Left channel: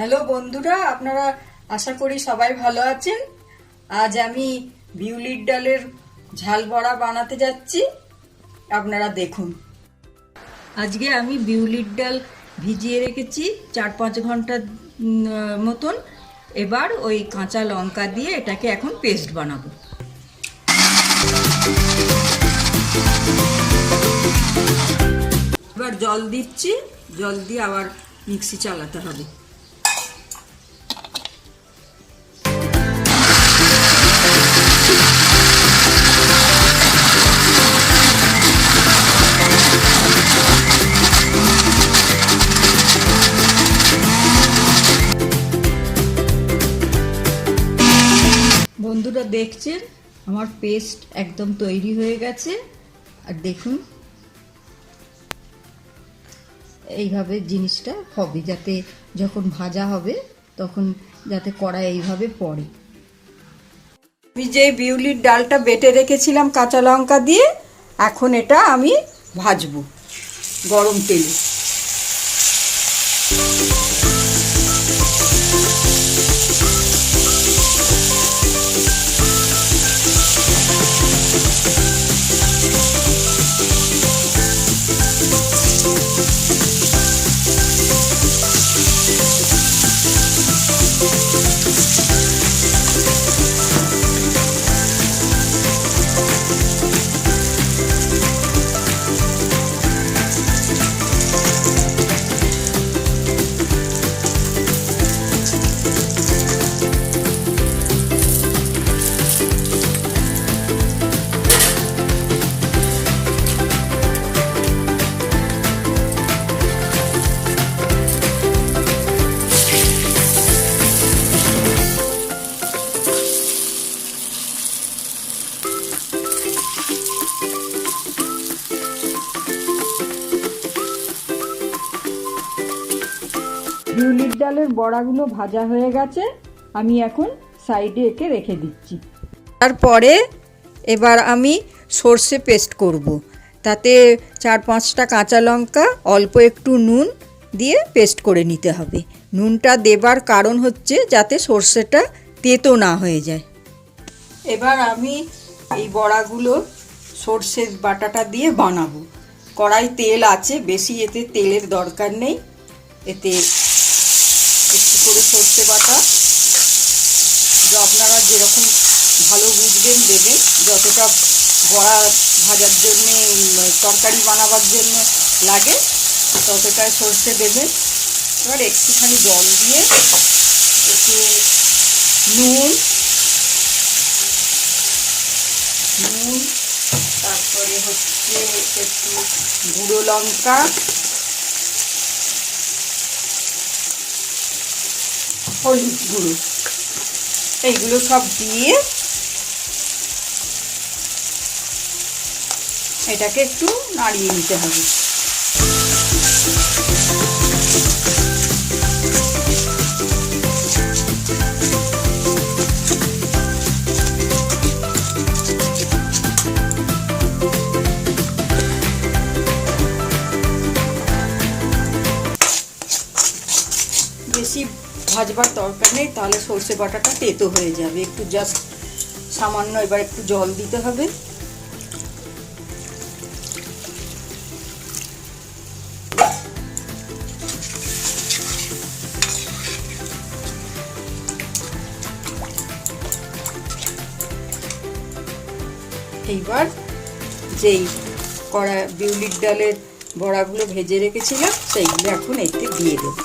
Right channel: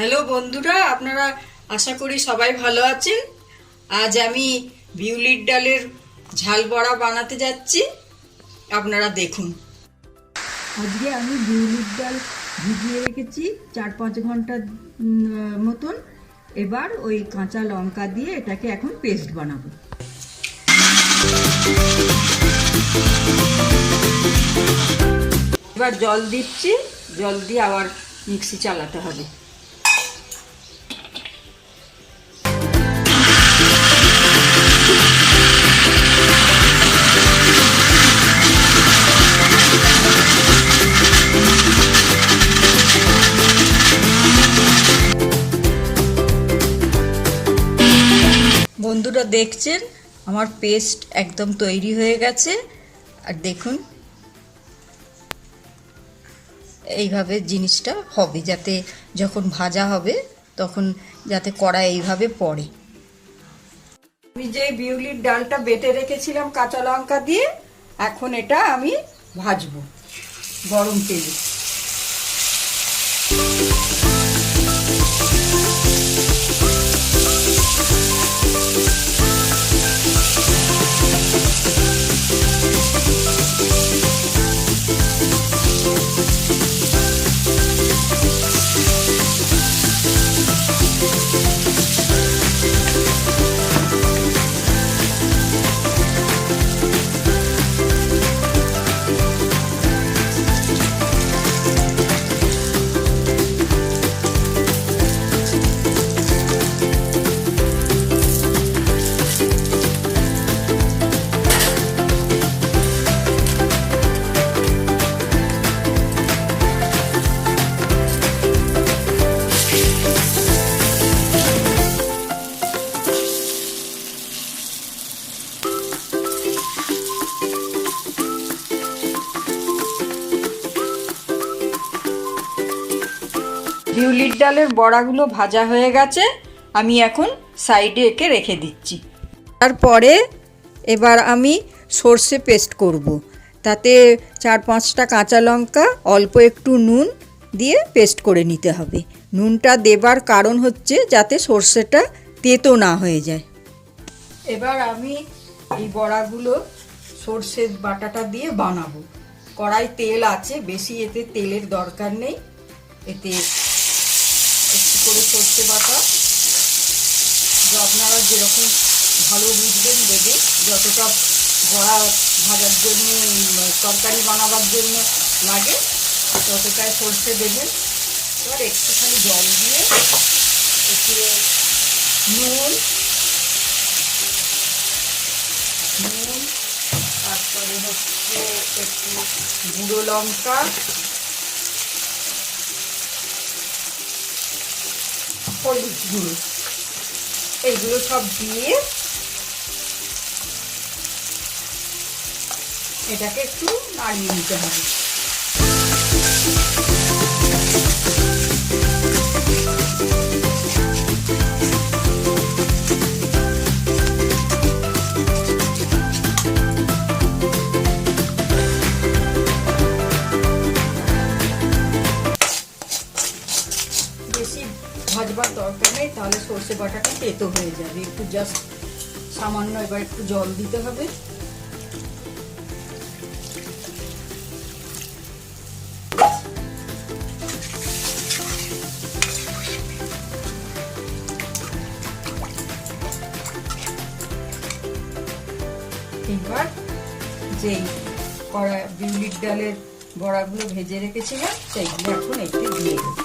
Hello বন্ধুরা, আপনারা আশা করি সবাই ভালো আছেন। আজ আমি বিউলির ডালের ঝাল বড়া বানাতে যাচ্ছি, আপনারা দেখুন। আজকে আমি বিউলির ডাল ভিজিয়ে রেখেছি 4-5 ঘন্টা মতন। এবার ওই কাঁচা লঙ্কা দিয়ে এটাকে এখন পেস্ট বানাবো। এবার জল দিচ্ছি, জল দিয়ে আবার মিক্সি চালাতে হবে। বন্ধুরা দেখছেন আমার পেস্ট একদম তৈরি হয়ে গেছে। আর দেখুন এইভাবে জিনিসটা হবে, যাতে যখন ভাজা হবে তখন যাতে কড়া এইভাবে পড়ে। আমি যে বিউলির ডালটা বেটে রেখেছিলাম কাঁচা লঙ্কা দিয়ে, এখন এটা আমি ভাজবো গরম তেলে। বিউলির ডালের বড়াগুলো ভাজা হয়ে গেছে, আমি এখন সাইডে একে রেখে দিচ্ছি। তারপরে এবার আমি সর্ষে পেস্ট করব। তাতে 4-5টা কাঁচা লঙ্কা, অল্প একটু নুন দিয়ে পেস্ট করে নিতে হবে। নুনটা দেবার কারণ হচ্ছে যাতে সর্ষেটা তেতো না হয়ে যায়। এবার আমি এই বড়াগুলো সর্ষের বাটাটা দিয়ে বানাবো। কড়াই তেল আছে, বেশি এতে তেলের দরকার নেই। এতে একটু করে সর্ষে বাটা, আপনারা যেরকম ভালো বুঝবেন দেবেন, যতটা বড়া ভাজার জন্য তরকারি বানাবার জন্য লাগে ততটাই সর্ষে দেবেন। এবার একটুখানি জল দিয়ে একটু নুন, তারপরে হচ্ছে একটু গুঁড়ো লঙ্কা, হলুদ গুঁড়ো, এইগুলো সব দিয়ে এটাকে একটু নাড়িয়ে নিতে হবে। বেশি ভাজবার দরকার নেই, তাহলে সর্ষে বাটাটা তেতো হয়ে যাবে। একটু জাস্ট সামান্য এবার একটু জল দিতে হবে। এইবার যেই কড়া বিউলির ডালের বড়াগুলো ভেজে রেখেছিলাম সেইগুলো এখন এতে দিয়ে দেব।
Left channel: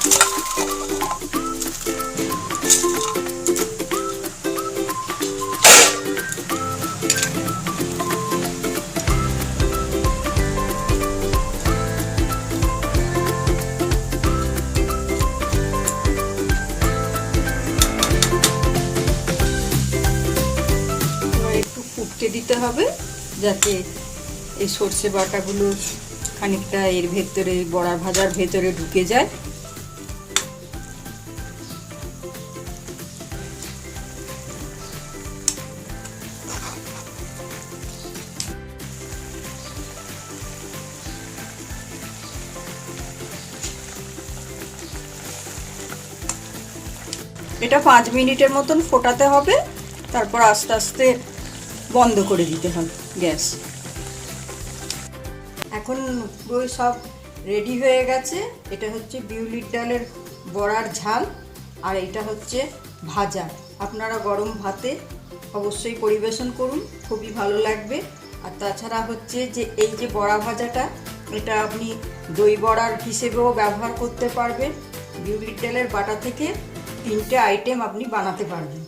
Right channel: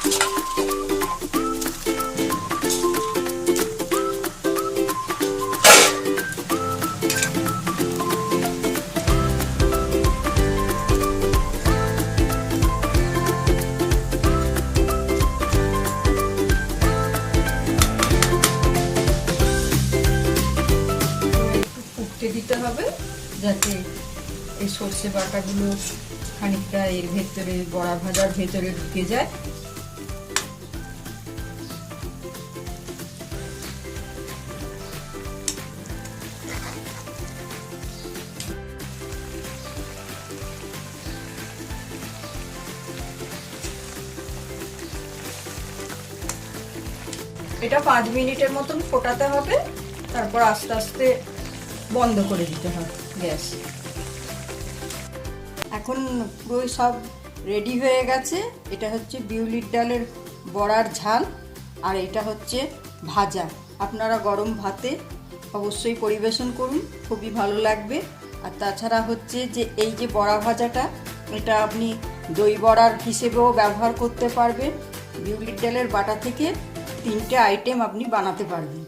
দিতে হবে যাতে এই সর্ষে বাটাগুলো খানিকটা এর ভেতরে বড়া ভাজার ভেতরে ঢুকে যায়। এটা 5 মিনিটের মতন ফোটাতে হবে, তারপর আস্তে আস্তে বন্ধ করে দিতে হবে গ্যাস। এখন পুরো সব রেডি হয়ে গেছে। এটা হচ্ছে বিউলির ডালের বড়ার ঝাল, আর এটা হচ্ছে ভাজা। আপনারা গরম ভাতে অবশ্যই পরিবেশন করুন, খুবই ভালো লাগবে। আর তাছাড়া হচ্ছে যে এই যে বড়া ভাজাটা, এটা আপনি দই বড়ার হিসেবেও ব্যবহার করতে পারবেন। বিউলির ডালের বাটা থেকে 3টে আইটেম আপনি বানাতে পারবেন।